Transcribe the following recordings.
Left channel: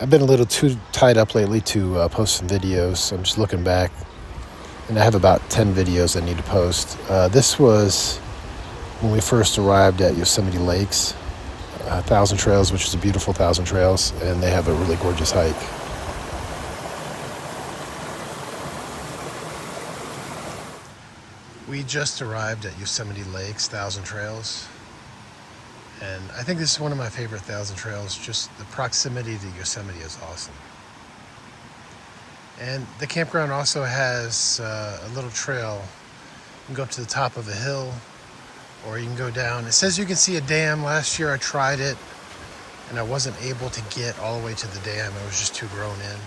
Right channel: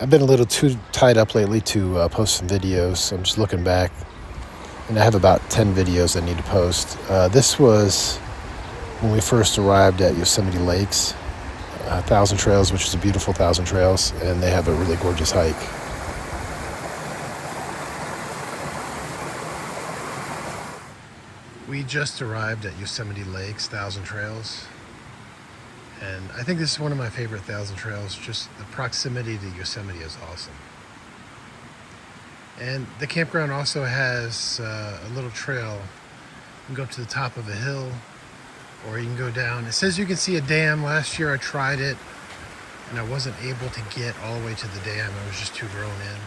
I've been a little too tied up lately to post some videos. So I'm just looking back, and I have about 10 videos I need to post. This was when we first arrived at Yosemite Lakes, Thousand Trails, which is a beautiful Thousand Trails, and they have a really gorgeous hike. We just arrived at Yosemite Lakes, Thousand Trails, and I think this is one of my favorite Thousand Trails. Just the proximity to Yosemite is awesome. And the campground also has a little trail. You can go up to the top of a hill, or you can go down. It says you can see a dam. Last year I tried it, and I wasn't able to get all the way to the dam. I was just too grown in.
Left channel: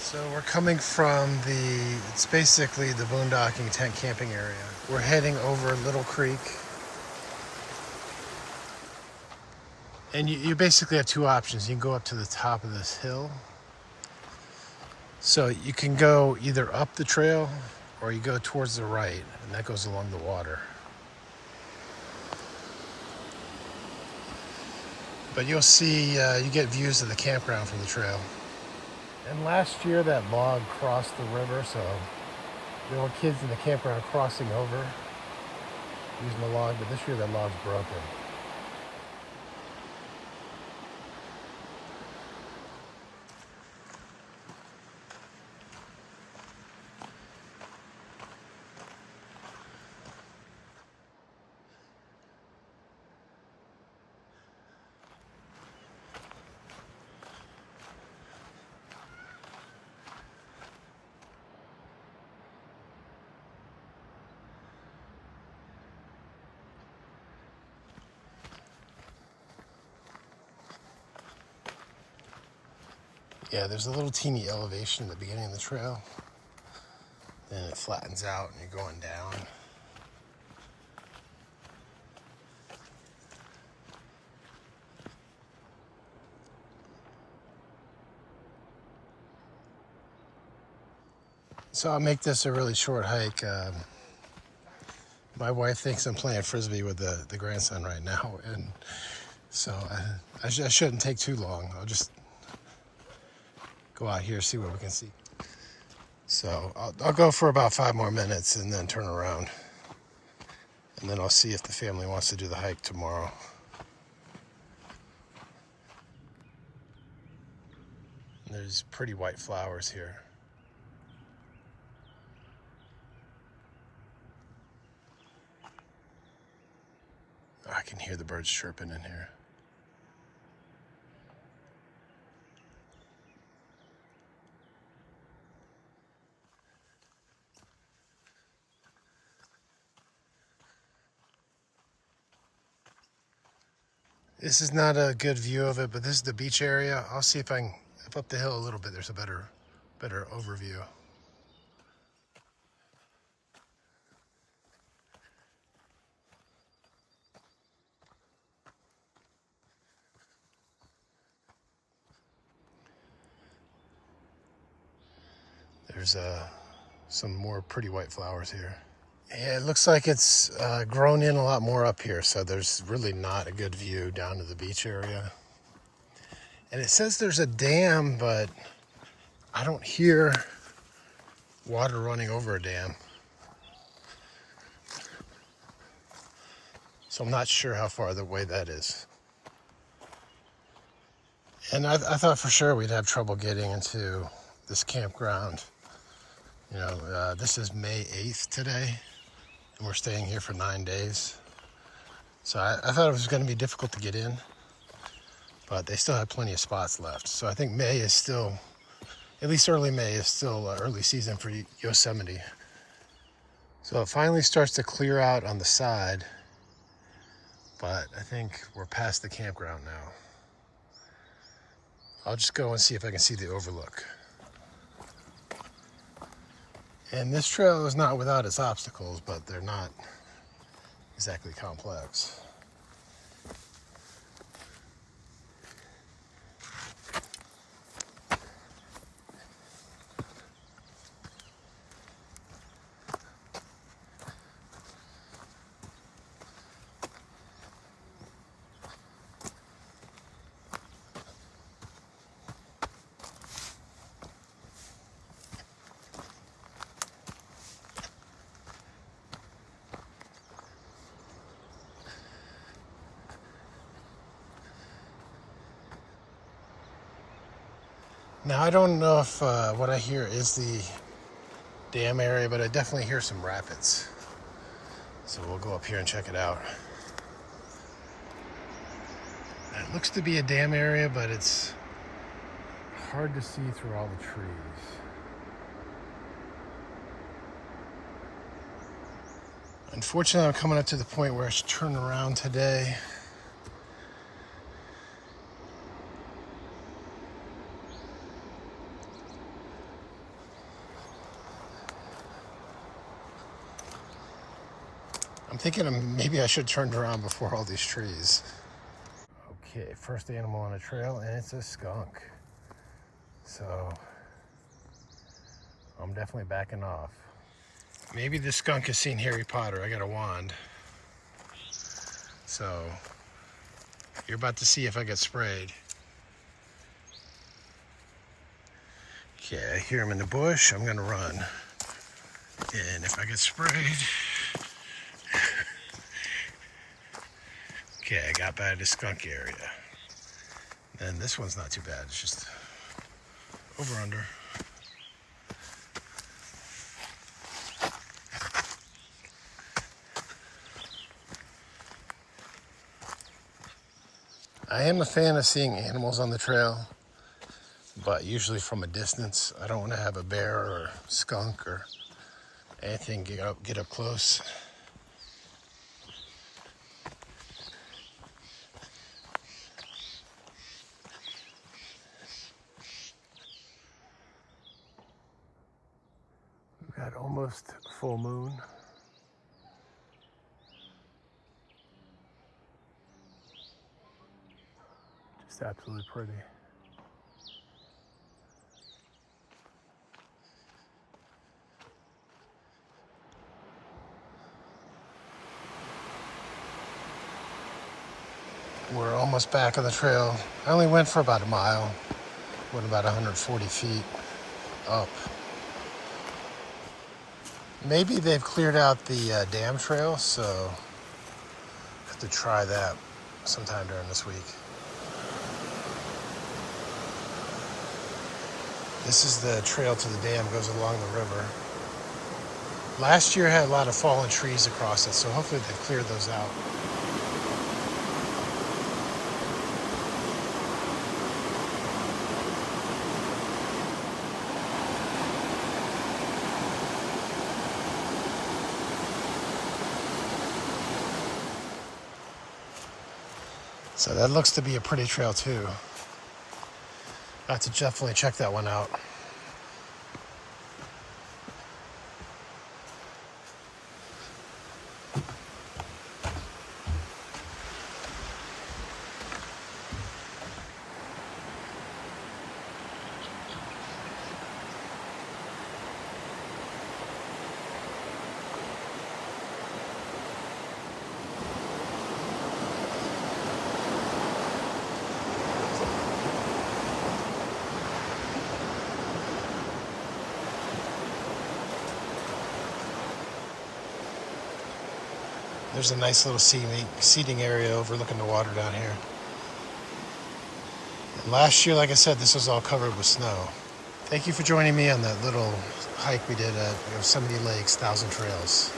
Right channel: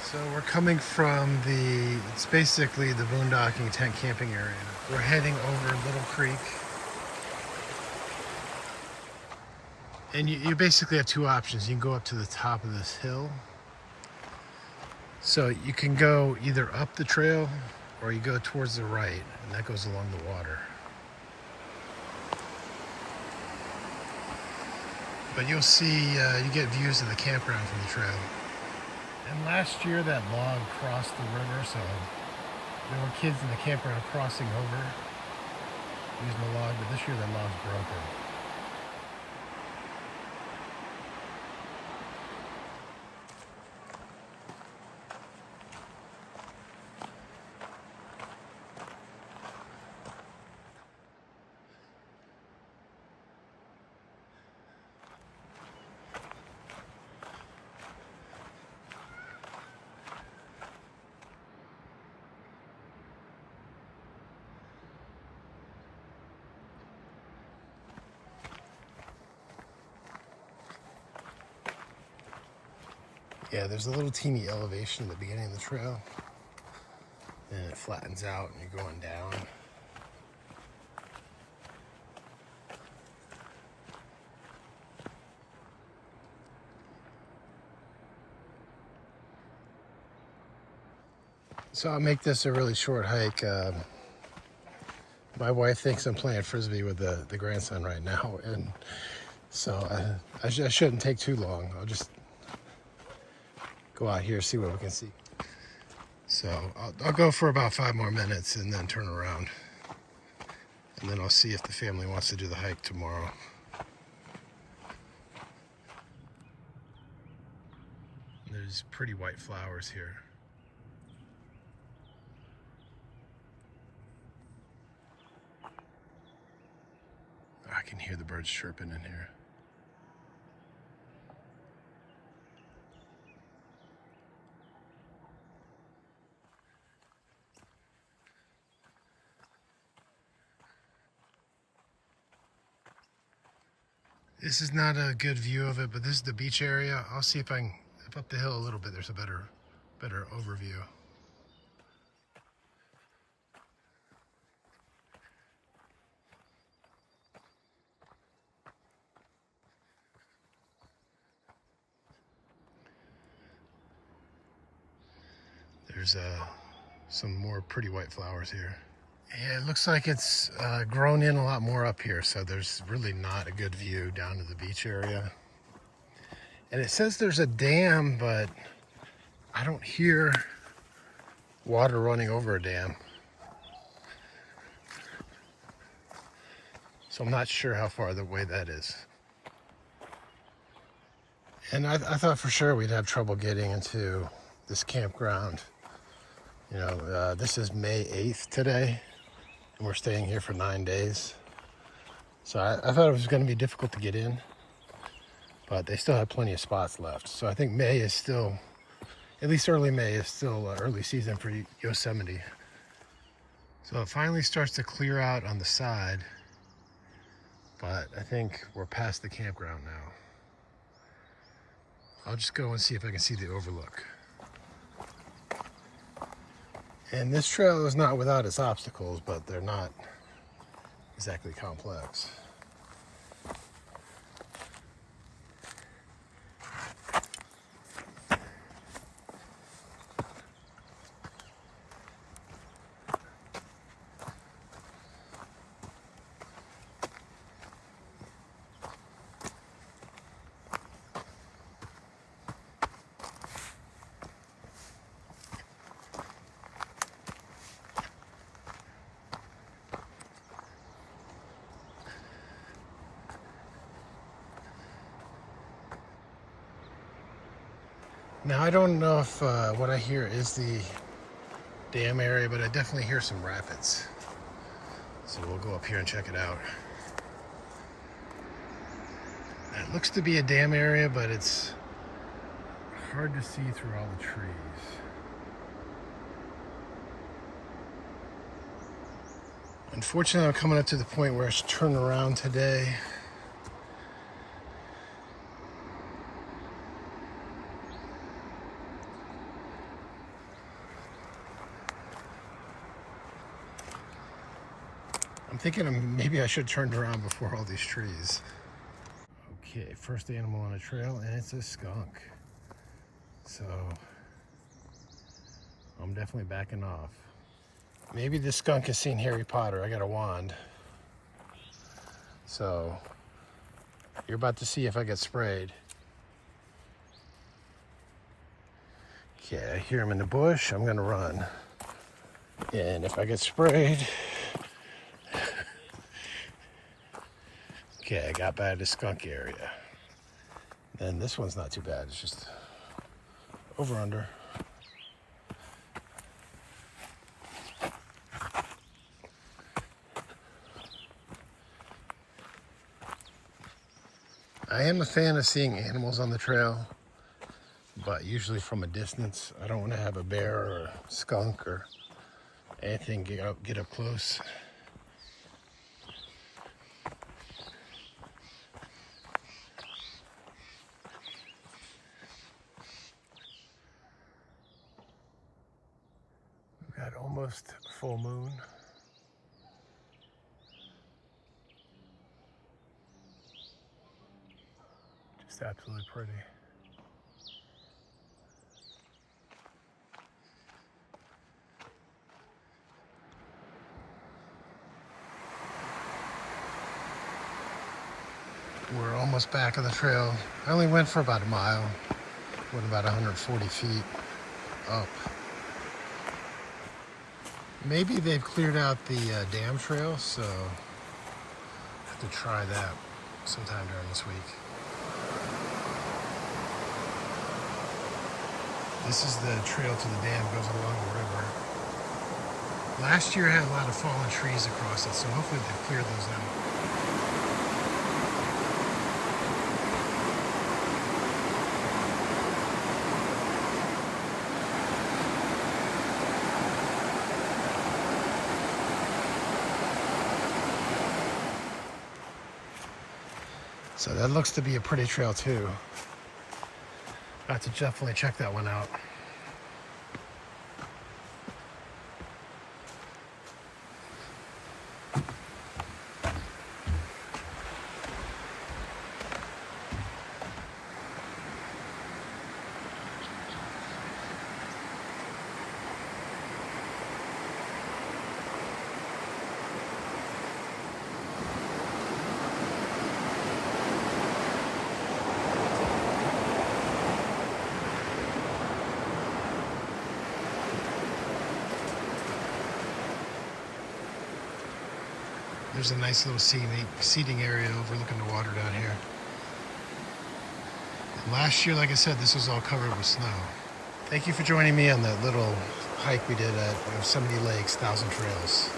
So we're coming from it's basically the boondocking tent camping area. We're heading over Little Creek. And you basically have two options. You can go up to the top of this hill. So you can go either up the trail or you go towards the right, and that goes along the water. But you'll see, you get views of the campground from the trail. And last year that log crossed the river, so there were kids in the campground crossing over using the log, but this year that log's broken. Yeah, there's a little teeny elevation at the beginning of the trail, and it flattens out and you're going down. So I'll make this a really short hike. My wife thinks I'm playing Frisbee with the grandson right now, and so I shouldn't take too long. I'll just go out here, see what we can see. So I'll go for about 5 more minutes and then turn around. And then I'll see if the family wants to do the hike tomorrow. There's pretty white flowers here. I can hear the birds chirping in here. This is not a good view of it, but this is the beach area. I'll see if I can, if up the hill a little bit, there's a better overview. There's some more pretty white flowers here. Yeah, it looks like it's grown in a lot more up here, so there's really not a good view down to the beach area. And it says there's a dam, but I don't hear water running over a dam. So I'm not sure how far away that is. And I thought for sure we'd have trouble getting into this campground. You know, this is May 8th today, and we're staying here for 9 days. So I thought it was going to be difficult to get in, but they still have plenty of spots left. So I think May is still, at least early May is still early season for Yosemite. So it finally starts to clear out on the side, but I think we're past the campground now. I'll just go and see if I can see the overlook. And this trail is not without its obstacles, but they're not exactly complex. Now, I don't know if what I hear is the dam area, but I definitely hear some rapids. So we'll go up here and check it out. It looks to be a dam area, but it's hard to see through all the trees. Unfortunately, I'm coming up to the point where I should turn around today. I'm thinking maybe I should turn around before all these trees. Okay, first animal on the trail, and it's a skunk. So I'm definitely backing off. Maybe this skunk has seen Harry Potter. I got a wand. So you're about to see if I get sprayed. Okay, I hear him in the bush. I'm gonna run. And if I get sprayed, okay, I got by the skunk area. Then this one's not too bad. It's just over under. I am a fan of seeing animals on the trail, but usually from a distance. I don't want to have a bear or skunk or anything get up close. We've got almost full moon. Just absolutely pretty. We're almost back on the trail. I only went for about a mile. Went about 140 feet up. Maybe they've cleared out the dam trail, so I have to try that sometime during this week. This is the trail to the dam, goes along the river. Last year had a lot of fallen trees across it, so hopefully they've cleared those out. So that looks to be a pretty trail too. I have to definitely check that one out. There's a nice little seating area overlooking the water down here. Last year, like I said, this was all covered with snow. Thank you for joining me on that little hike we did at Yosemite Lakes, 1,000 Trails.